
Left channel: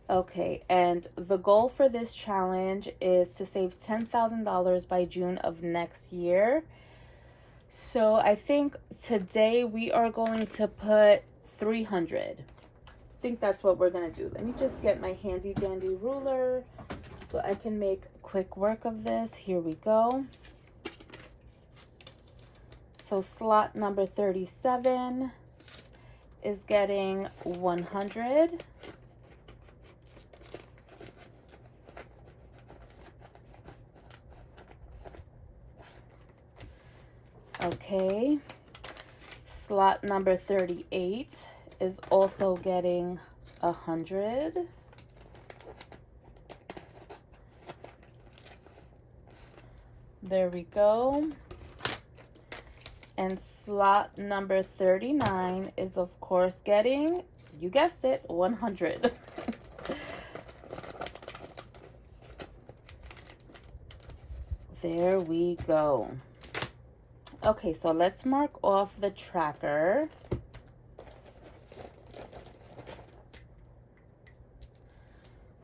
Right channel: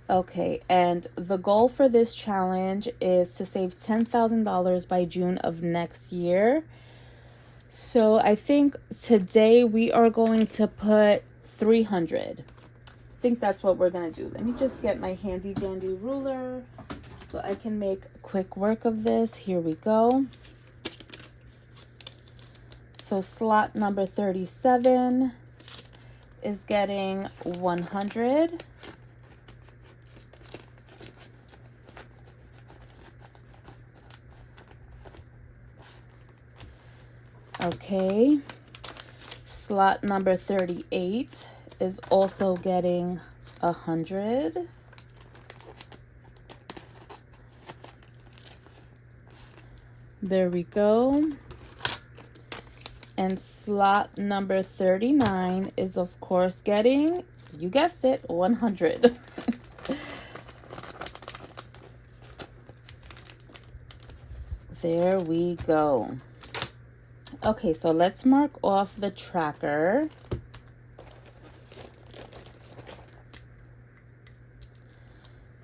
Okay, and the goal for this challenge is to save $10,000 by June of next year. So I think today we are going to put 300. I think that's what we're going to do. Let me just get my handy dandy ruler so I can make quick work of this. Here we go. So slot number 37 is getting 100. Okay, slot number 38 is also getting 100. There we go. And slot number 39 is of course getting, you guessed it, 100. There we go. Okay, so let's mark off the tracker.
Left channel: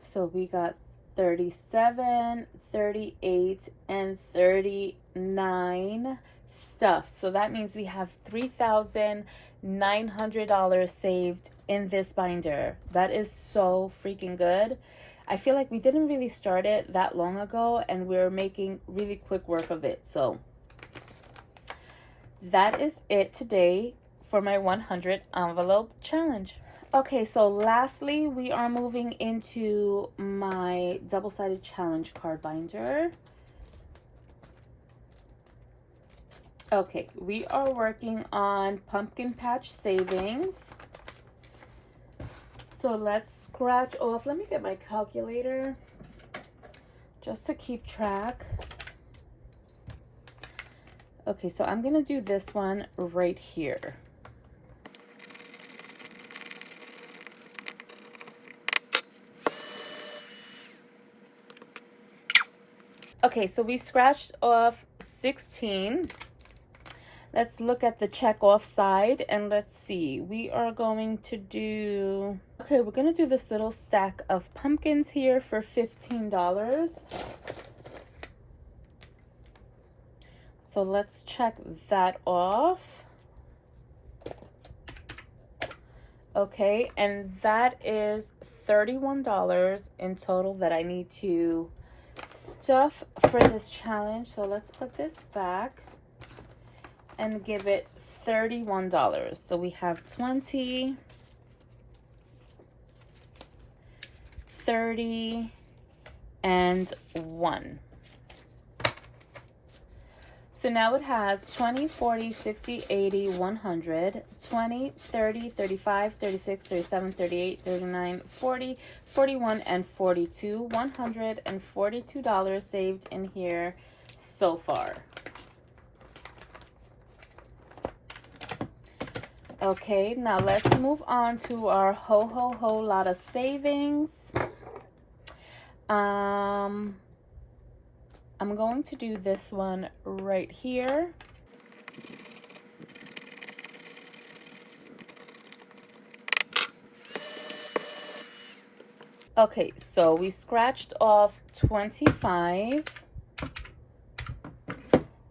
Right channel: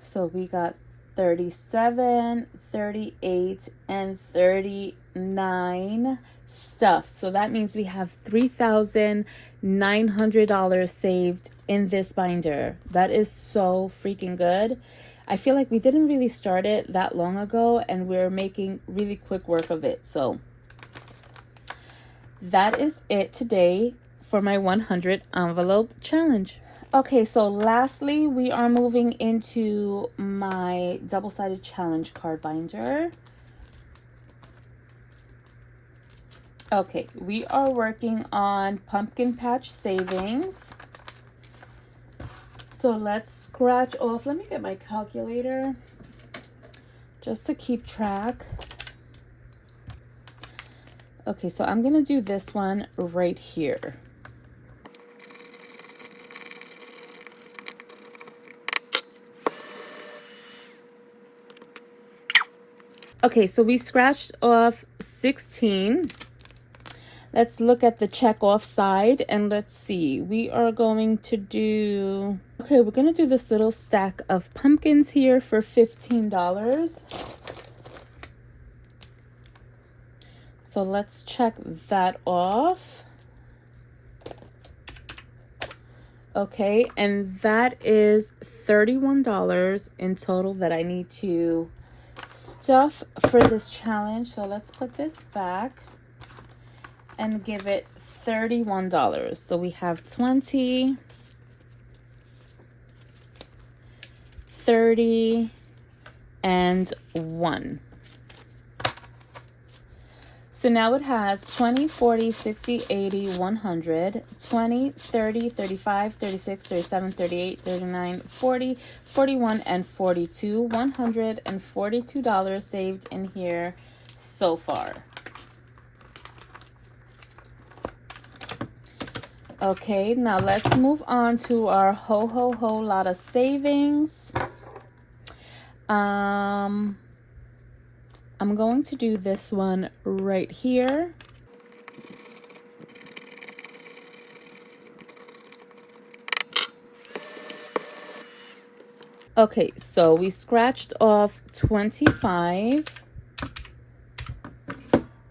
So we got 37, 38, and 39 stuffed. So that means we have $3,900 saved in this binder. That is so freaking good. I feel like we didn't really start it that long ago, and we're making really quick work of it. So that is it today for my 100 envelope challenge. Okay, so lastly, we are moving into my double-sided challenge card binder. Okay, we are working on pumpkin patch savings. So let's scratch off. Let me get my calculator just to keep track. Okay, so I'm gonna do this one right here. Okay, so we scratched off 16. Let's look at the check off side and let's see. We are going to do, okay, we're gonna do this little stack of pumpkins here for $15. So let's check that off. Okay, and that is $31 in total that I need to stuff for this challenge. So let's put this back and give it $31. So we have 20, 30, and 1. So now it has 20, 40, 60, 80, 100, 20, 30, 35, 36, 37, 38, 39, 40, 41, and 42. $142 saved in here so far. Okay, now let's move on to our ho lot of savings. I'm going to do this one right here. Okay, so we scratched off 25.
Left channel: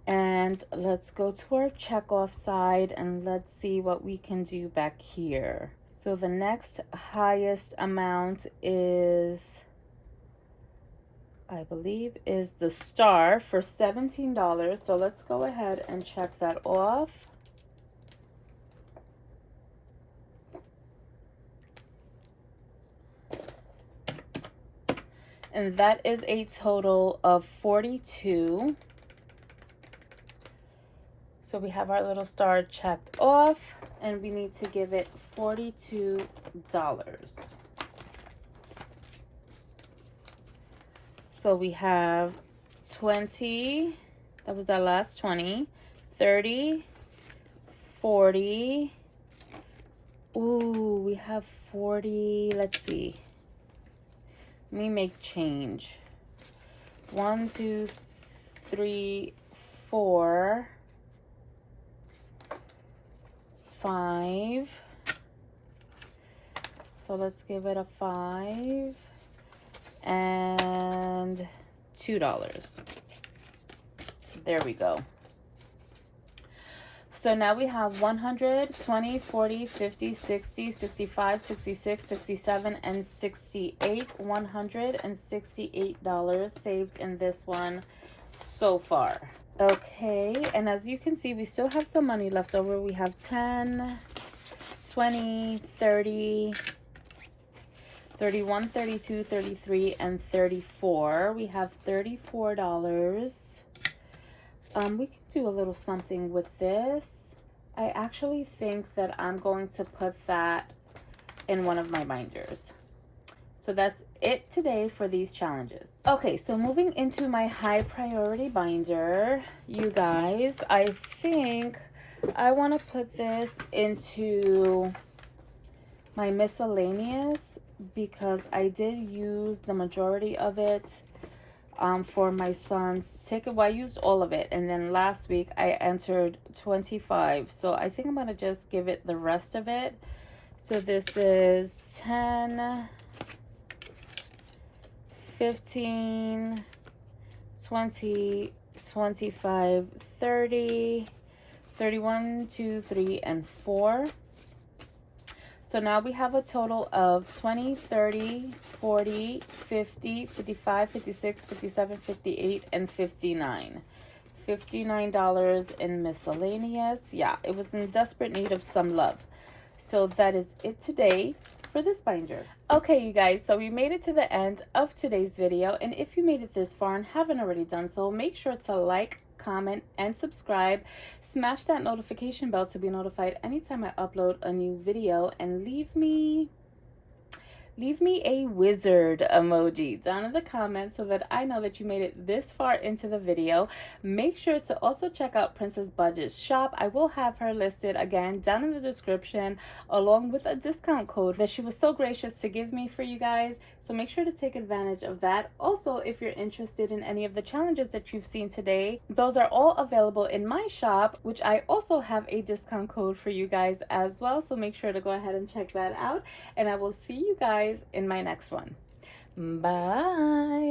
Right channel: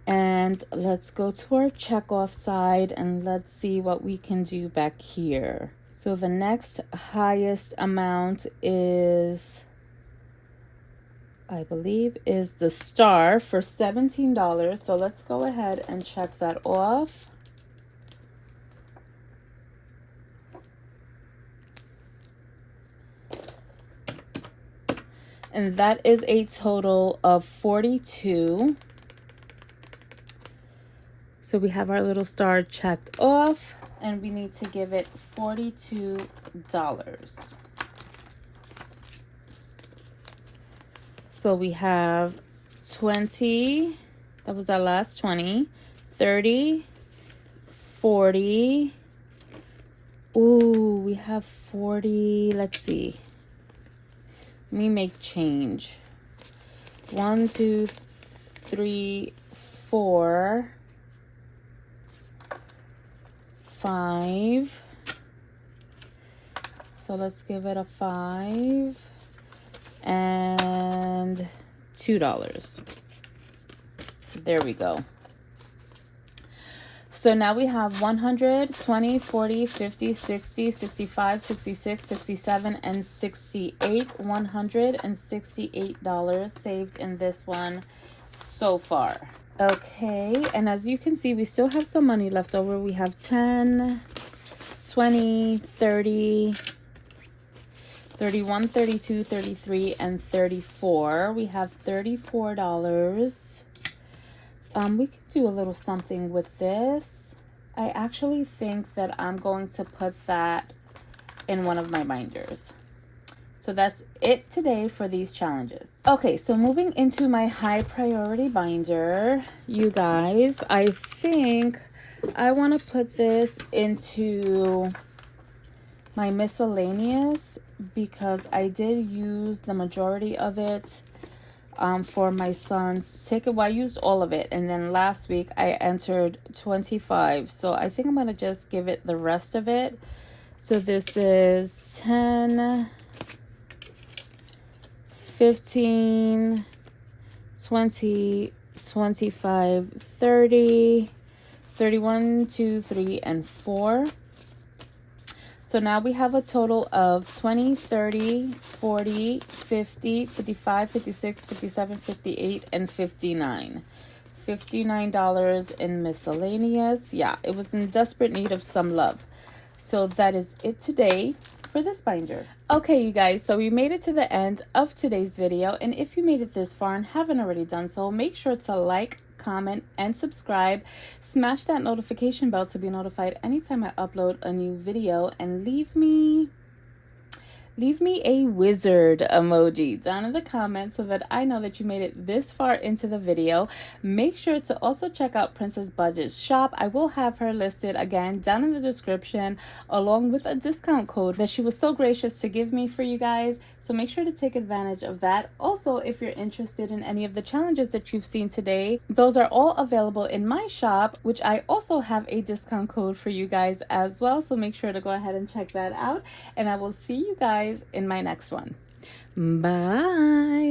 And let's go to our check off side and let's see what we can do back here. So the next highest amount is, I believe, is the star for $17. So let's go ahead and check that off. And that is a total of 42. So we have our little star checked off and we need to give it $42. So we have 20, that was our last 20, 30, 40. Ooh, we have 40. Let's see. Let me make change. 1, 2, 3, 4, 5. So let's give it a 5 and $2. There we go. So now we have 100, 20, 40, 50, 60, 65, 66, 67, and 68. $168 saved in this one so far. Okay, and as you can see, we still have some money left over. We have 10, 20, 30, 31, 32, 33, and 34. We have $34. We could do a little something with this. I actually think that I'm going to put that in one of my binders. So that's it today for these challenges. Okay, so moving into my high priority binder, you guys, I think I want to put this into my miscellaneous because I did use the majority of it for my son's ticket. Well, I used all of it, and then last week I entered 25. So I think I'm going to just give it the rest of it. So this is 10, 15, 20, 25, 30, 31, 2, 3, and 4. So now we have a total of 20, 30, 40, 50, 55, 56, 57, 58, and 59. $59 in miscellaneous. Yeah, it was in desperate need of some love. So that is it today for this binder. Okay, you guys, so we made it to the end of today's video. And if you made it this far and haven't already done so, make sure to like, comment, and subscribe. Smash that notification bell to be notified anytime I upload a new video, and leave me a wizard emoji down in the comments so that I know that you made it this far into the video. Make sure to also check out Princess Budget's shop. I will have her listed again down in the description, along with a discount code that she was so gracious to give me for you guys. So make sure to take advantage of that. Also, if you're interested in any of the challenges that you've seen today, those are all available in my shop, which I also have a discount code for you guys as well. So make sure to go ahead and check that out. And I will see you guys in my next one. Bye.